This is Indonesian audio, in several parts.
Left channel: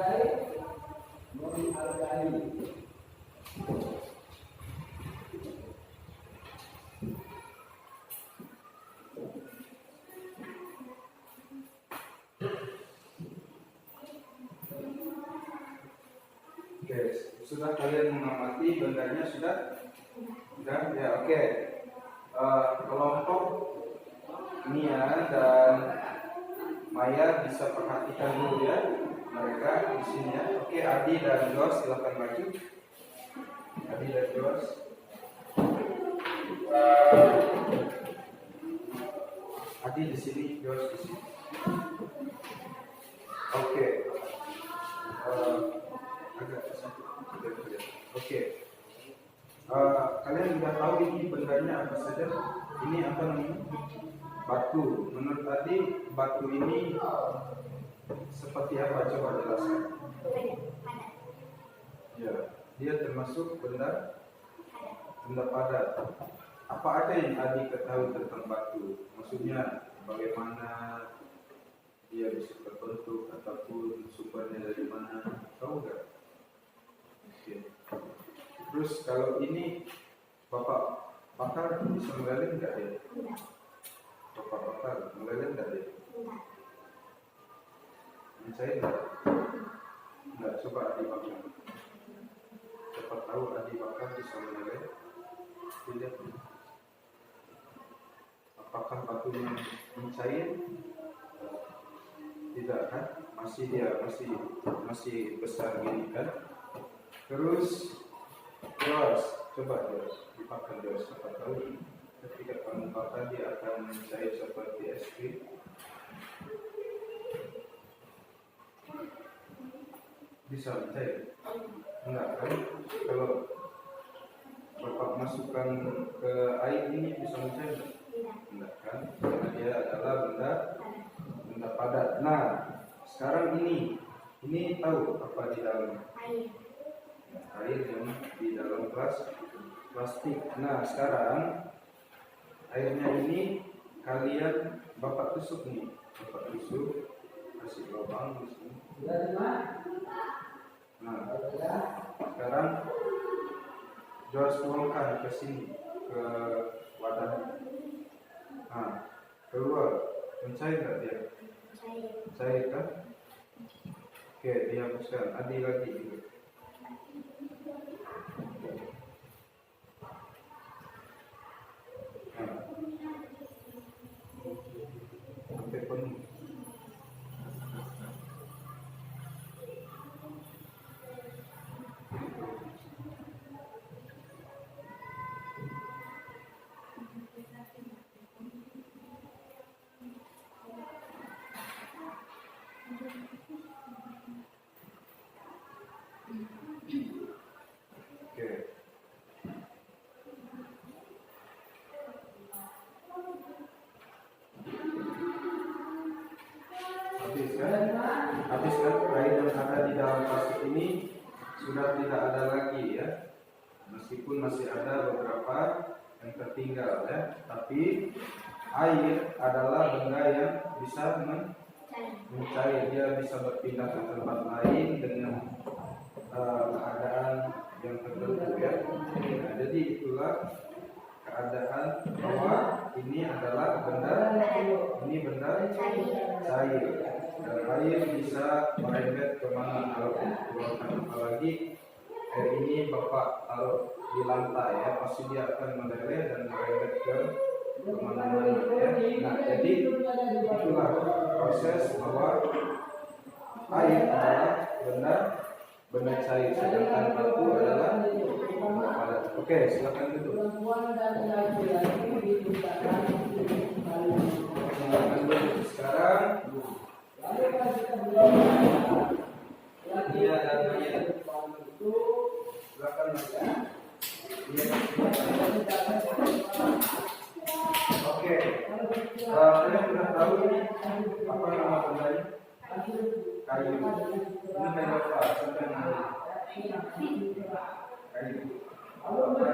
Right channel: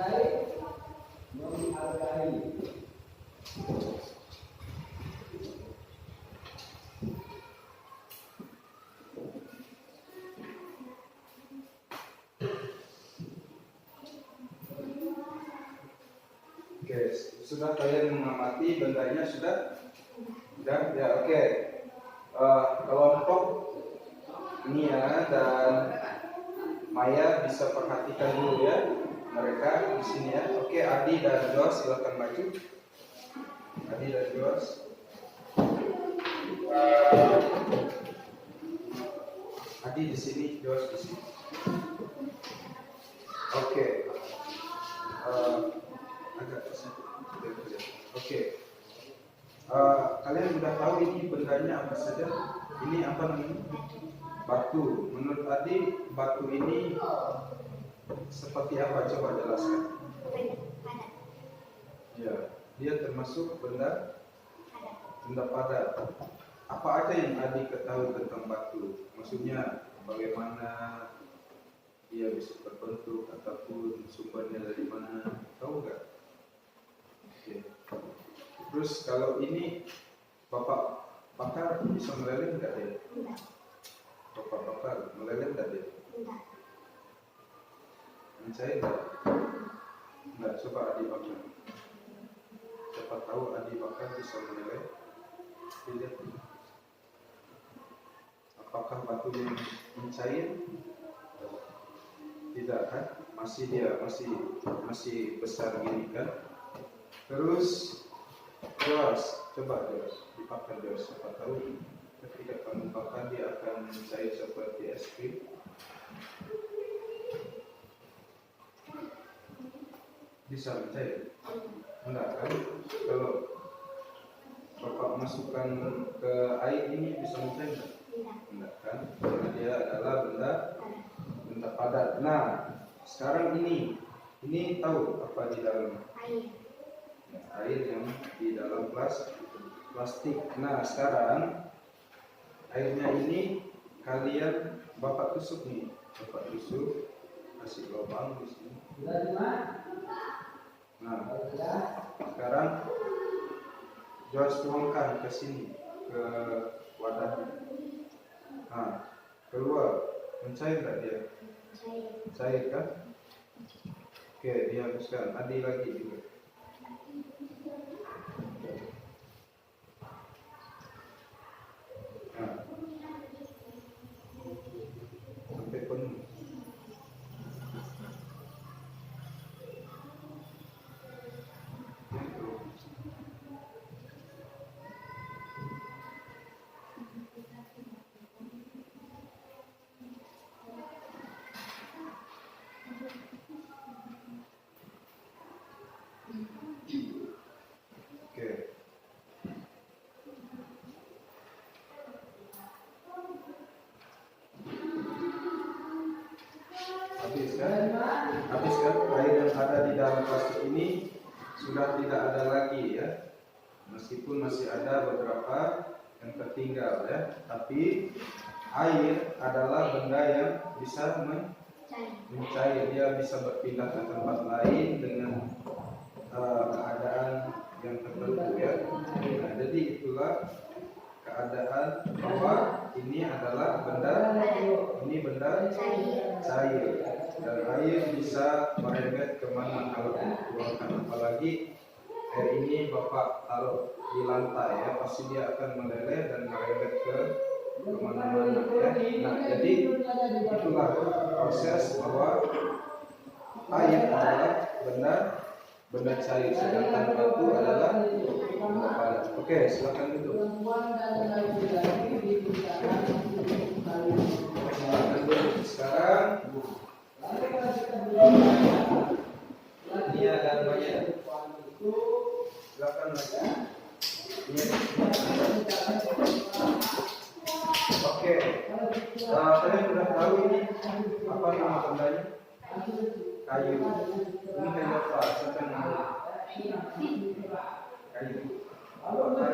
Oke, sudah kalian mengamati bendanya sudah? Sudah? Ya, oke. Kelompok Nia dan Maya bisa perhatikan dulu ya. Mereka di sini ya. Oke, Adi dan Jos silakan maju. Adi dan Jos. Adi di sini, Jos di sini. Oke. Agak kesana. Oke. Kalian sudah tahu ini bendanya apa saja? Ini apa namanya? Batu. Menurut Adi, batu ini seperti apa? Coba jelaskan. Ya, dia termasuk benda padat. Apa aja yang Adi ketahui tentang batu? Maksudnya bagaimana dia bisa terbentuk ataupun sumbernya dari mana? Tahu nggak? Oke. Terus kalau ini Bapak bakar bisa meleleh nggak dia? Bapak bakar meleleh nggak dia? Mencair nggak? Nggak. Coba Adi bakar. Siapa tahu Adi bakar bisa meleleh? Tidak. Apakah batunya mencair? Tidak kan? Masih besar gini kan? Terus Jos, coba Jos, dipakai Jos. Siapa tahu ketika kamu bakar dia akan mencair seperti es krim. Bisa mencair? Enggak kan? Kalau Bapak masukkan ke air ini bisa mencair enggak? Enggak kan? Karena dia adalah benda padat. Nah, sekarang ini tahu apa di dalam? Air yang di dalam plastik. Nah, sekarang airnya ini kalian Bapak tusuk nih. Bapak tusuk, kasih lubang di sini. Nah, sekarang Jos tuangkan ke sini, ke wadahnya. Nah, keluar. Mencair nggak dia? Cair kan? Oke, dihapuskan. Adi lagi juga. Nah, sampai penuh. Oke. Habis kan air yang ada di dalam plastik ini sudah tidak ada lagi ya, meskipun masih ada beberapa yang tertinggal ya, tapi air adalah benda yang bisa mencair, dia bisa berpindah ke tempat lain dengan keadaan yang tertentu ya. Nah, jadi itulah keadaan bahwa ini adalah benda cair dan air bisa merembet kemana kalau dikeluarkan, apalagi air ini Bapak taruh di lantai ya, pasti dia akan meleleh dan merembet ke kemana-mana ya. Nah, jadi itulah proses bahwa air adalah benda cair, sedangkan batu adalah benda padat. Oke, silakan duduk. Silakan duduk sekarang. Dia dan Maya. Silakan Maya. Oke, kalian sudah tahu ini apa nama bendanya? Kayu. Ini kayu apa? Siapa yang tahu? Kayu. Oke,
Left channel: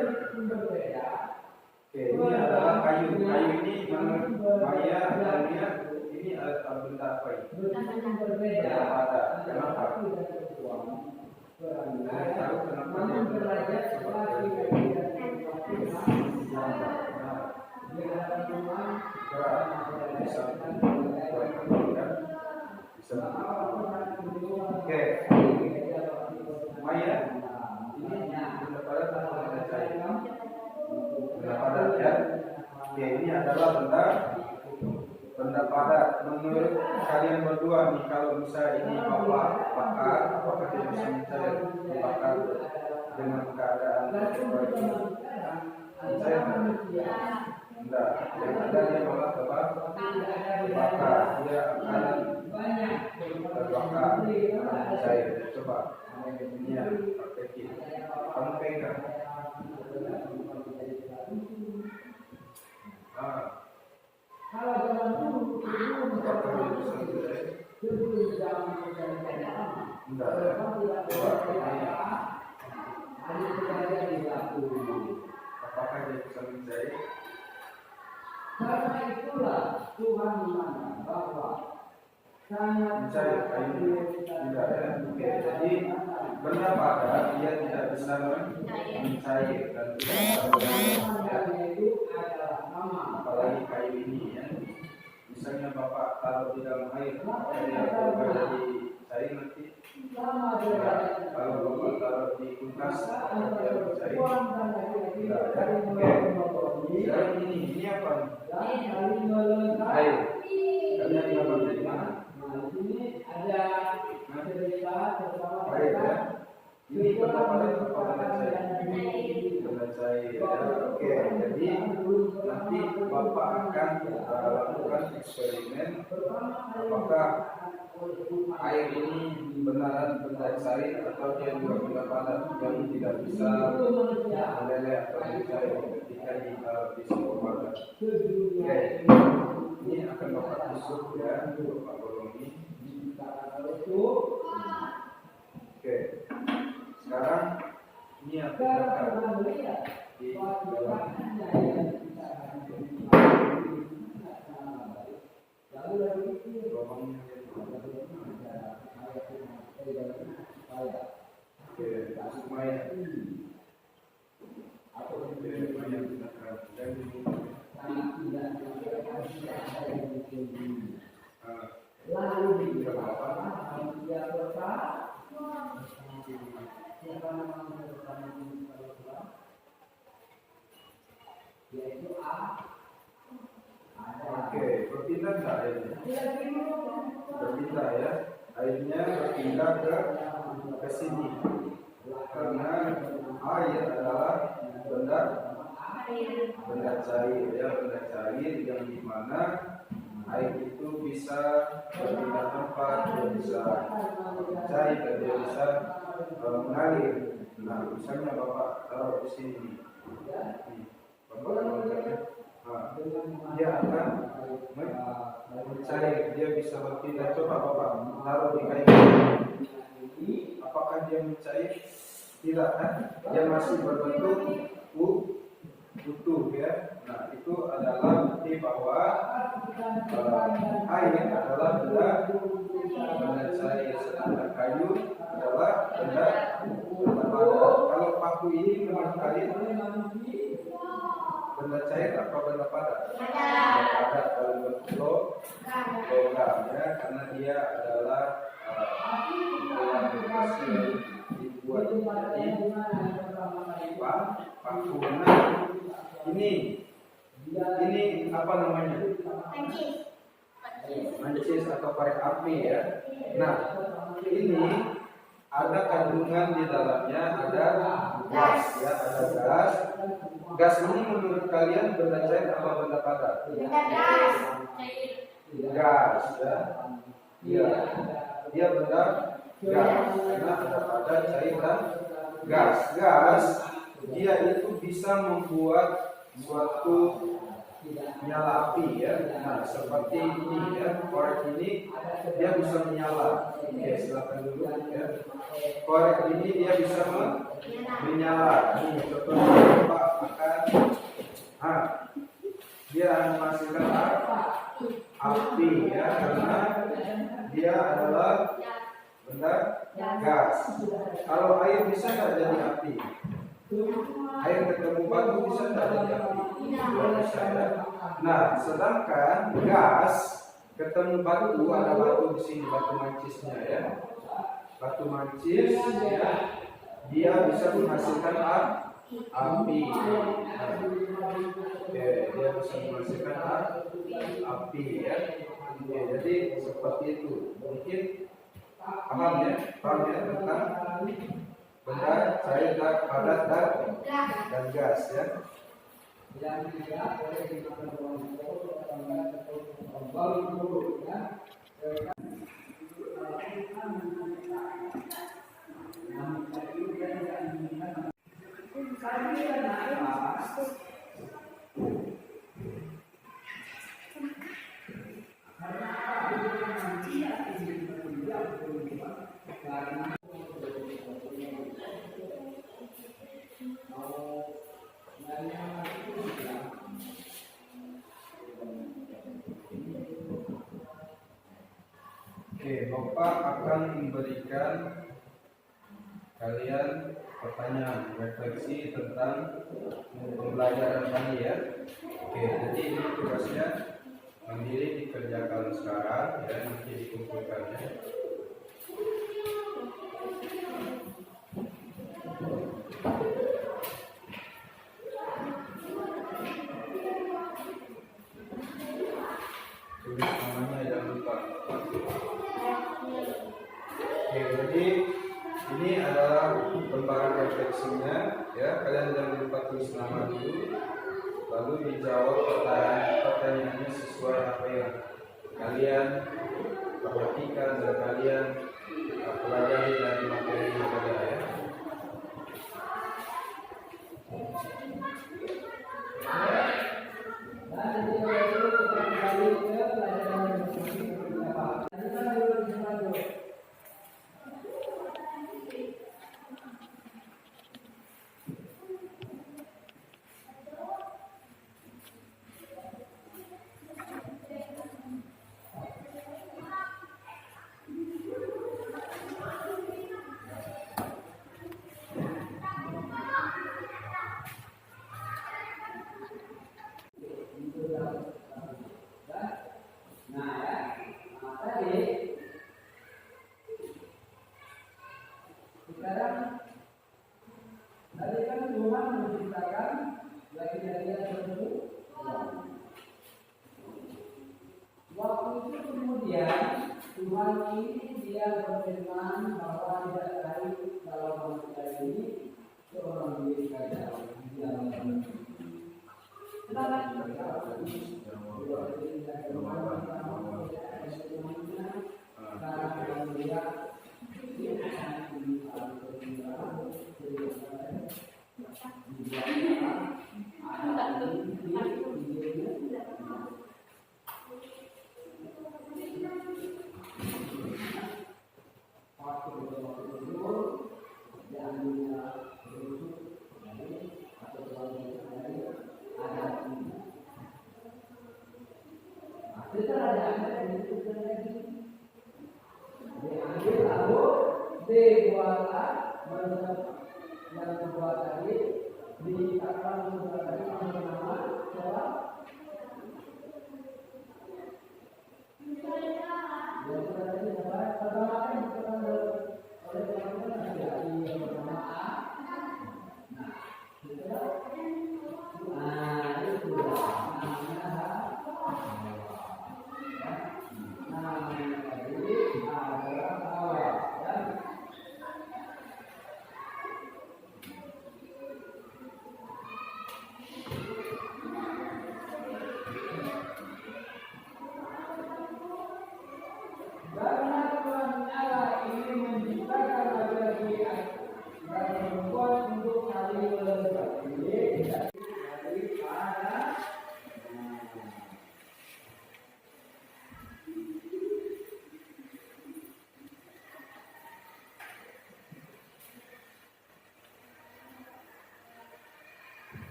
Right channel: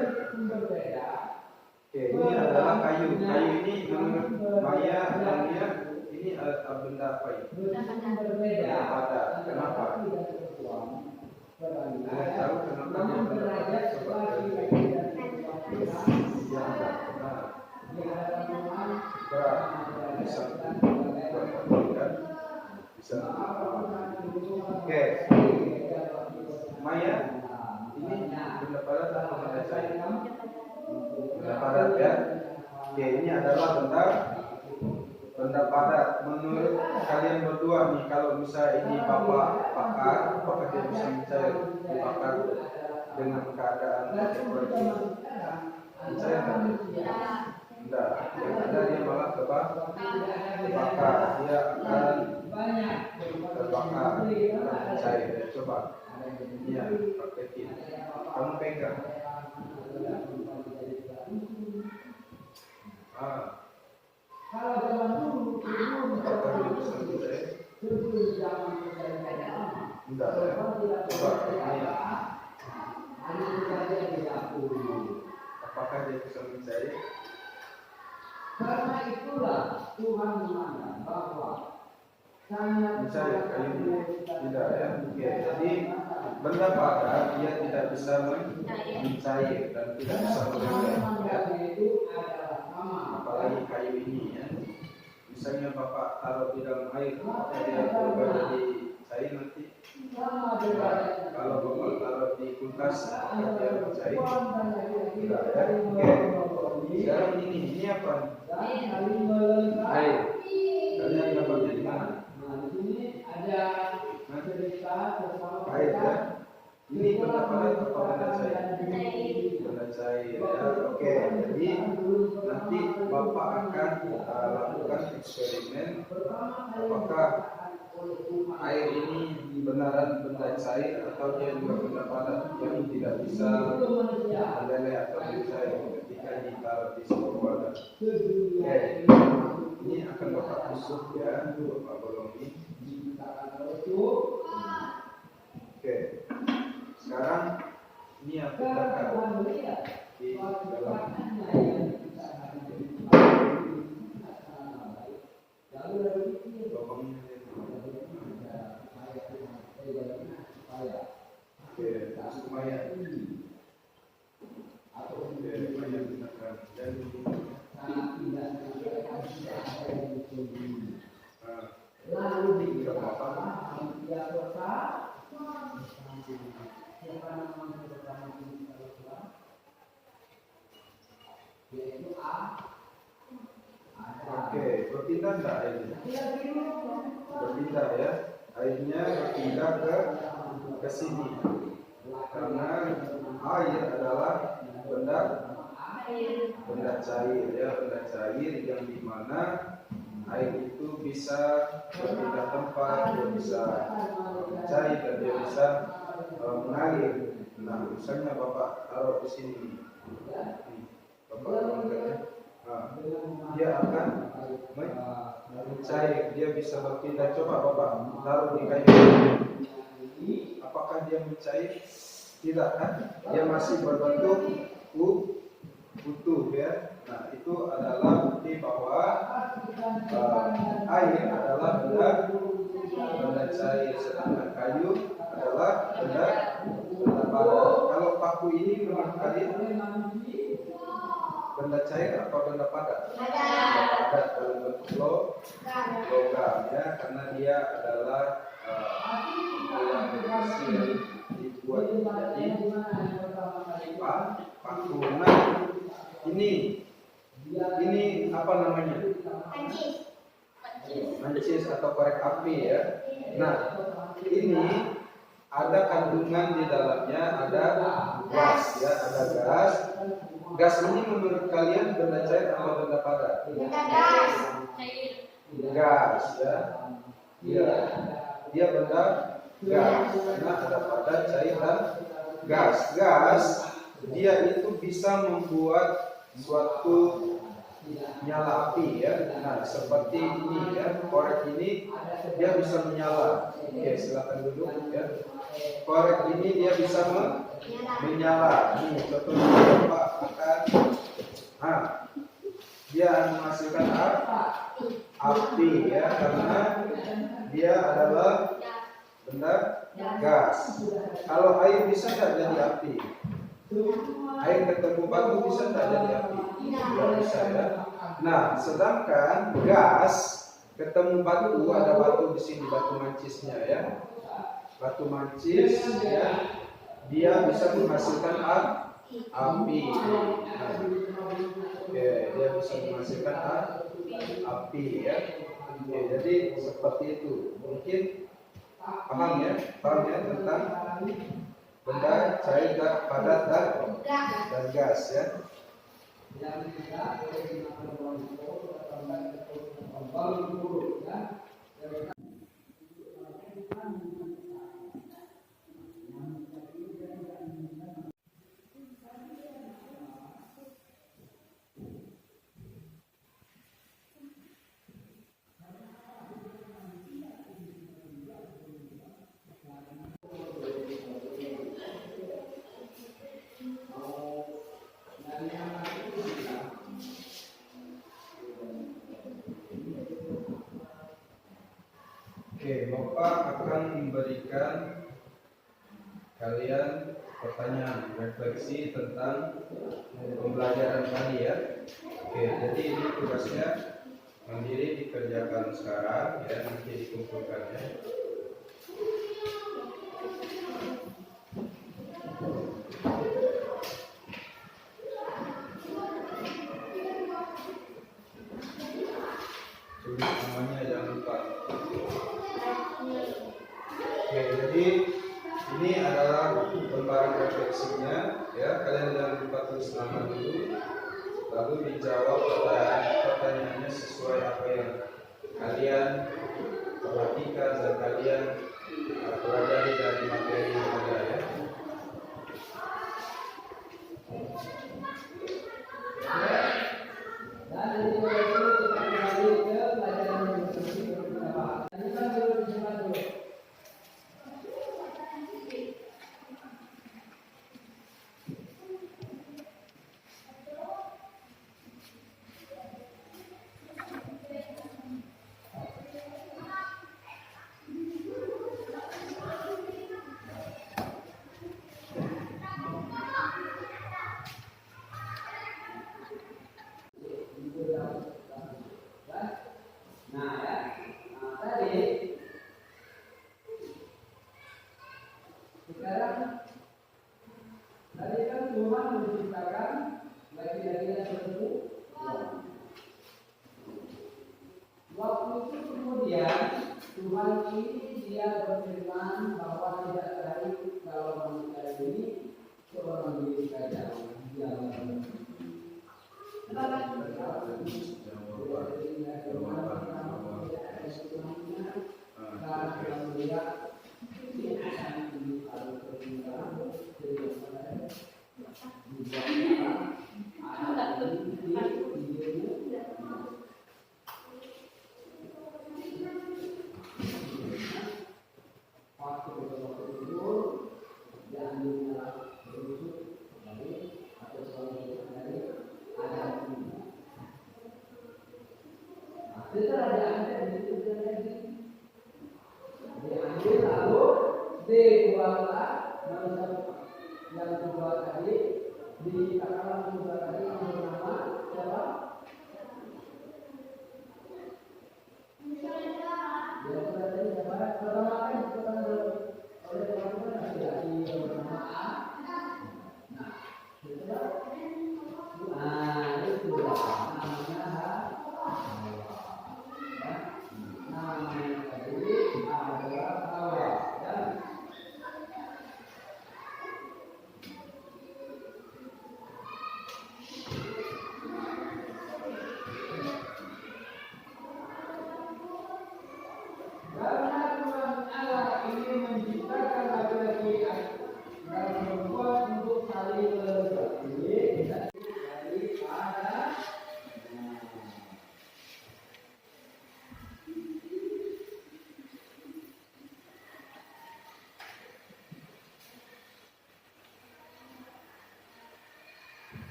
ini adalah kayu. Kayu ini menurut Maya dan dia ini benda apa ini? Benda padat. Kenapa? Kalian tahu kenapa dia benda padat? Coba bisa oke. Maya, ini benda padat atau benda cair? Benda padat ya. Oke, ini adalah benda padat. Menurut kalian berdua nih, kalau misalnya ini bapak bakar, apakah dia bisa mencair dibakar dengan keadaan seperti ini? Mencair kan? Enggak. Yang ada dia malah terbakar. Dia akan terbakar, mencair. Ya, coba. Ini ya, praktekin. Kamu pegang. Apakah dia bisa mencair? Enggak ya. Coba ini ya. Apakah dia bisa mencair? Karena itulah Tuhan memandang bahwa mencair kayunya tidak ya. Oke, jadi benda padat dia tidak bisa mencair dan tidak bisa berubah. Apalagi kayu ini ya. Misalnya bapak taruh di dalam air, apakah dia berubah jadi cair nanti? Kalau bapak taruh di kulkas, apakah dia mencair? Tidak ya. Oke. Sekarang ini apa nih? Air. Kalian dapat dari mana? Air ya. Ini benda padat atau benda cair? Benda cair ya. Oke. Jadi nanti bapak akan lakukan eksperimen apakah air ini benaran benda cair atau dia juga benda padat yang tidak bisa meleleh atau mencair ketika ditaruh di sebuah wadah. Oke, ini akan bapak tusuk ya, bapak bolong ini. Oke, sekarang ini yang pindahkan di dalam. Oke, masuk Maya. Oke, Maya pindahkan. Lalu di apa? Oke, berpindah enggak airnya? Berpindah ya. Airnya berpindah ke sini. Karena air adalah benda cair ya, benda cair yang dimana air itu bisa berpindah tempat, dia bisa cair dan dia bisa mengalir. Nah, misalnya bapak taruh di sini nih, bapak angkatnya, dia akan mencair, dia bisa berpindah. Coba bapak taruh di kayu, apakah dia mencair? Tidak kan? Dia masih berbentuk utuh ya. Nah, itu adalah bukti bahwa air adalah benda cair, sedangkan kayu adalah benda padat. Kalau paku ini menurut kalian benda cair atau benda padat? Benda padat dalam bentuk logam ya, karena dia adalah yang kecil dibuat menjadi paku. Nah, ini apa namanya? Mancis atau korek api ya. Nah, ini ada kandungan di dalamnya, ada gas ya, ada gas. Gas ini menurut kalian benda cair atau benda padat? Gas ya. Dia benda gas. Karena ada padat, cair dan gas. Gas dia itu bisa membuat suatu nyala api ya. Nah, seperti ini ya, korek ini dia bisa menyala. Oke, silakan dulu ya. Korek ini dia bisa menyala. Ini contohnya Bapak akan dia menghasilkan api ya, karena dia adalah benda gas. Kalau air bisa nggak jadi api? Air ketemu batu bisa nggak jadi api? Nggak bisa ya. Nah, sedangkan gas ketemu batu, ada batu di sini, batu mancisnya ya. Batu mancis ya, dia bisa menghasilkan api. Nah, oke, dia bisa menghasilkan api ya. Oke, jadi seperti itu. Mungkin paham ya tentang benda cair, padat dan gas ya. Oke, Bapak akan memberikan kalian pertanyaan refleksi tentang pembelajaran tadi ya. Oke, jadi ini tugasnya mandiri dikerjakan sekarang ya, nanti dikumpulkan ya. Tulis semuanya, jangan lupa. Oke, jadi ini adalah lembaran refleksinya ya. Kalian jangan lupa tulis nama dulu, lalu dijawab pertanyaannya sesuai apa yang kalian perhatikan dan kalian pelajari dari materi yang ada ya.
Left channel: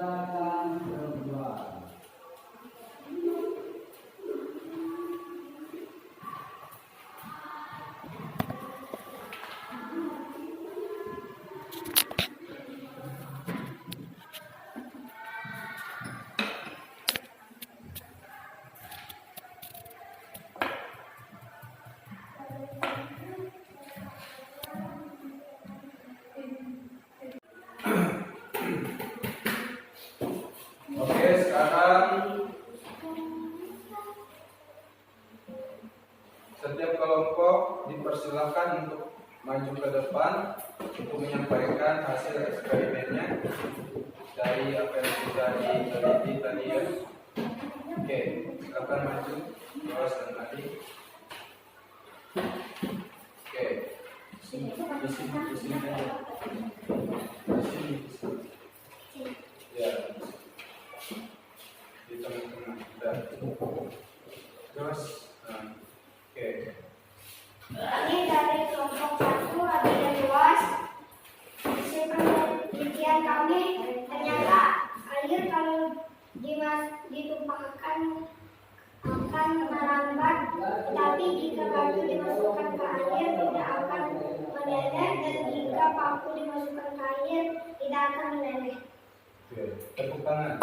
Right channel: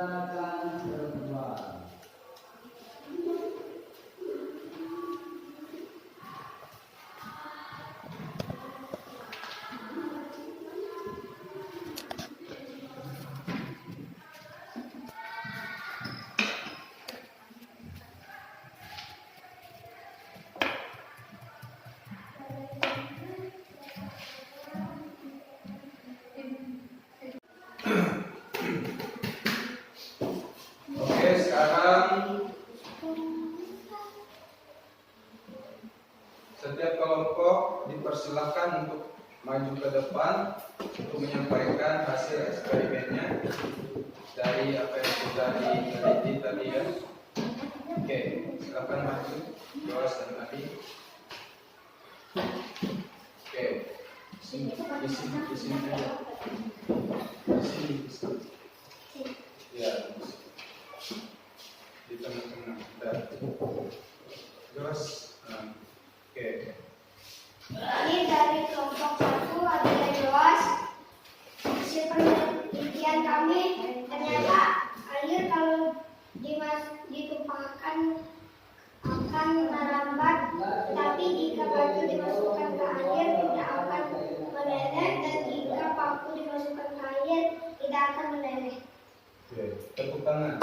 tindakan perempuan. Oke, sekarang setiap kelompok dipersilahkan untuk maju ke depan untuk menyampaikan hasil eksperimennya dari apa yang sudah diteliti tadi ya. Oke, silakan maju, Joas dan Adi. Oke, di sini aja. Di sini. Ya, di tengah-tengah. Joas. Oke. Ini dari kelompok 1 ada Joas. Hasil penelitian kami ternyata air kalau ditumpahkan akan merambat, tapi jika batu dimasukkan ke air tidak akan meleleh, dan jika paku dimasukkan ke air tidak akan meleleh. Oke, tepuk tangan.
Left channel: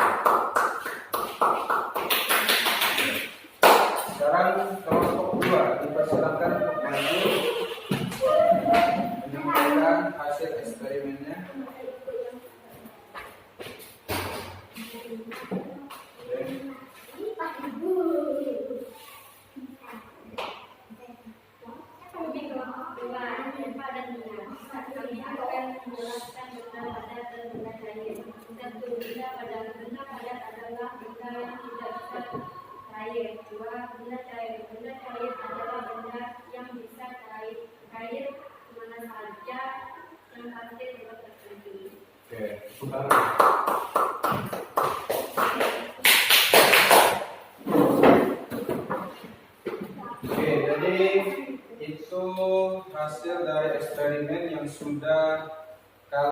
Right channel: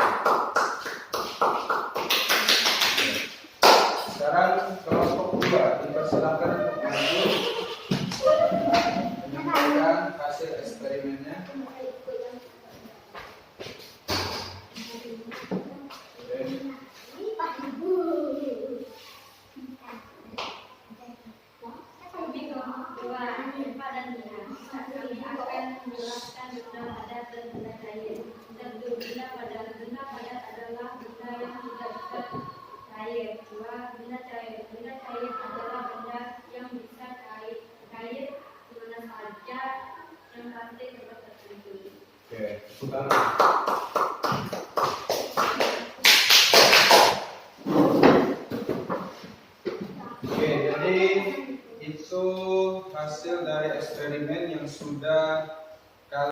Sekarang kelompok 2 dipersilakan untuk maju menyampaikan hasil eksperimennya. Benda cair adalah benda yang bisa cair mana saja yang pasti tempat tertentu. Oke, tepuk tangan. Oke, jadi itu hasil dari eksperimen yang sudah